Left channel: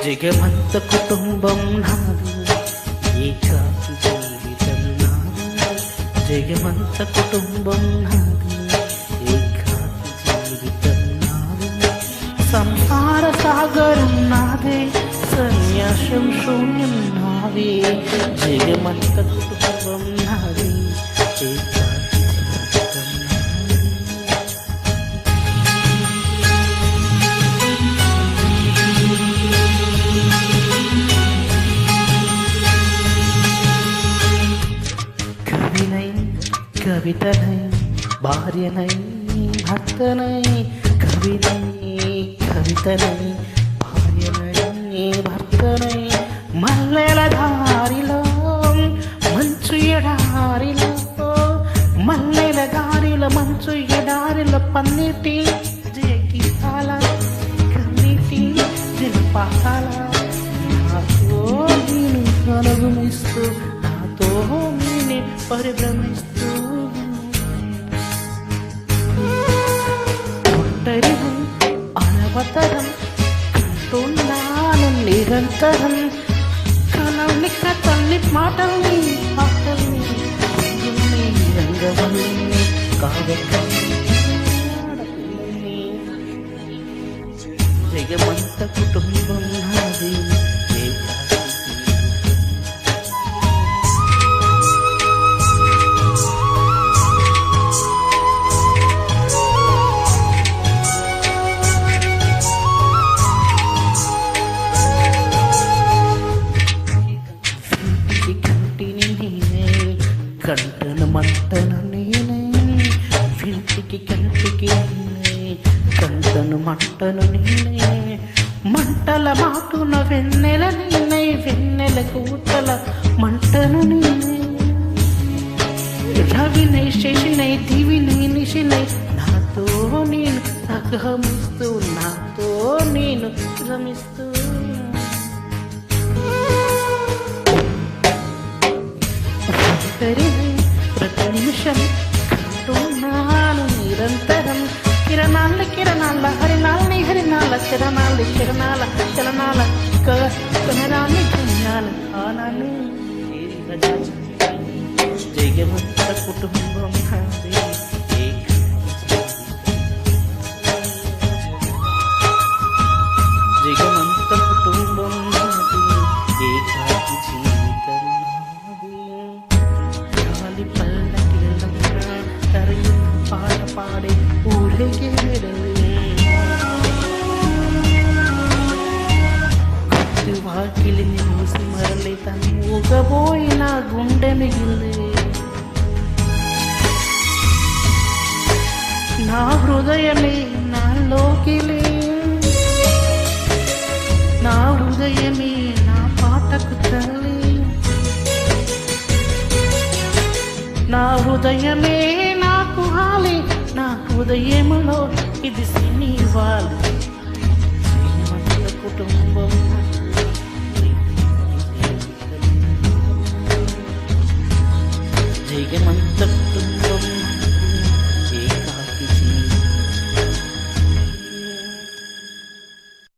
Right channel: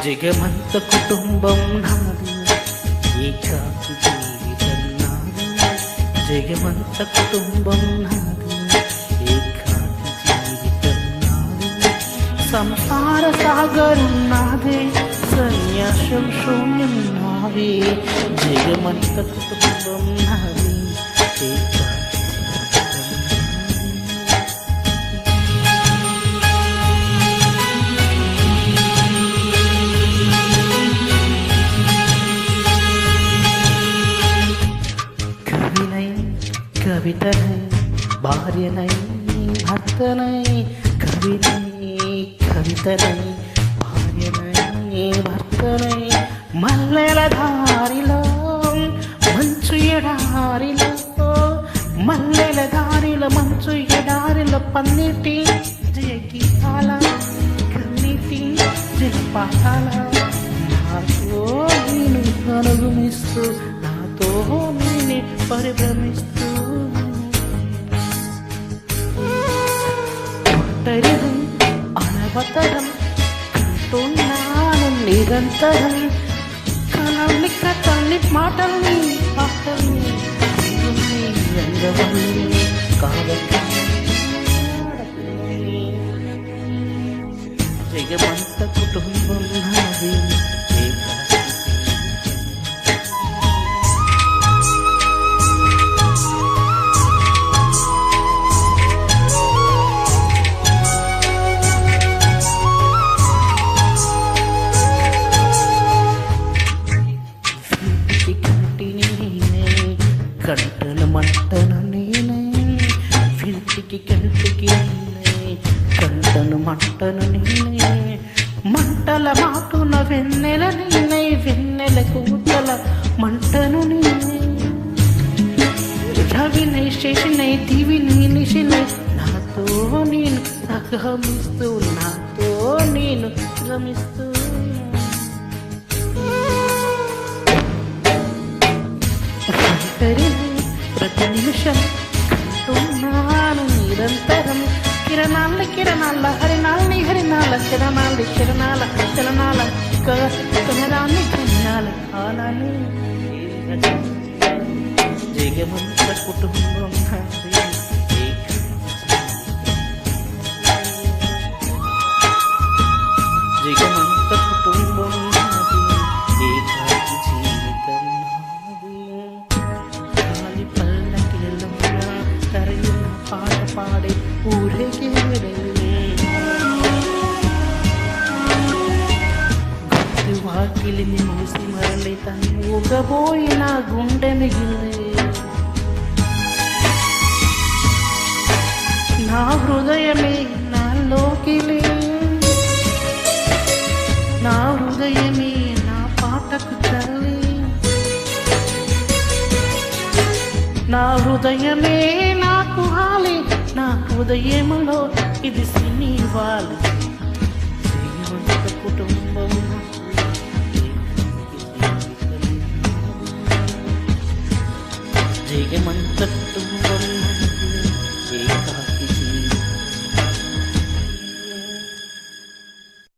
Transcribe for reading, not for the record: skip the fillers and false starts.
జగమంత కుటుంబం నాది, ఏకాకి జీవితం నాది. జగమంత కుటుంబం నాది, ఏకాకి జీవితం నాది. సంసార సాగరం నాదే, సన్యాసం శూన్యం నావే. జగమంత కుటుంబం నాది, ఏకాకి జీవితం నాది. கவினை கவிதனை భార్యనై భర్తనై, కవినై కవితనై భార్యనై భర్తనై, మల్లెల దారిలో మంచు ఎడారిలో, మల్లెల దారిలో మంచు ఎడారిలో, పన్నీటి జయగీతాల కన్నీటి జలపాతాల, నాతో నేను అనుగమిస్తూ, నాతో నేనే పరిభ్రమిస్తూ, ఒంటరిహం అనవతరం కంటున్నాను నిరంతరం. కలల్ని కథల్ని మాటల్ని పాటల్ని రంగుల్ని రంగవల్లిని కావ్యకల్ని ఆడపిల్లని. జగమంత కుటుంబం నాది, ఏకాకి కంటిని నేనే, కంటను మంటను నేనే. వింటికి కంటికి నేనే, కంటను మంటను నేనే. మంటల మాటున వెన్నెల నేనే, వెన్నెల కూతల మంటను నేనే. రవినై శశినై దివినై నిశినై, నాతో నేను సహమిస్తూ, నాతో నేను రమిస్తూ. ప్రతి నిమిషం కంటున్నాను నిరంతరం, కిరణాల కిరణాల హరినాల్ని హరినాల, చరణాల చరణాల చలనాల, కనరాన్ని పుణ్యాల కాలాన్ని. జగమంత కుటుంబం నాది, జగమంత కుటుంబం నాది, ఏకాకి జీవితం నాది. గాలి పల్లకిలోన తరలిన పాట పాడే ఊరేగే వెడలే, గుర్తు వాకిలిని మూసి మరలి తను ఊగబోయిన గుండె మిగిలే. నా హృదయమే నాలోకిలే, నా హృదయమే నా పాటకు తల్లి. నా హృదయమే నాకు హాలి, నా హృదయములో ఇది సినివాలి. జగమంత కుటుంబం జీవితం, జగమంత కుటుంబం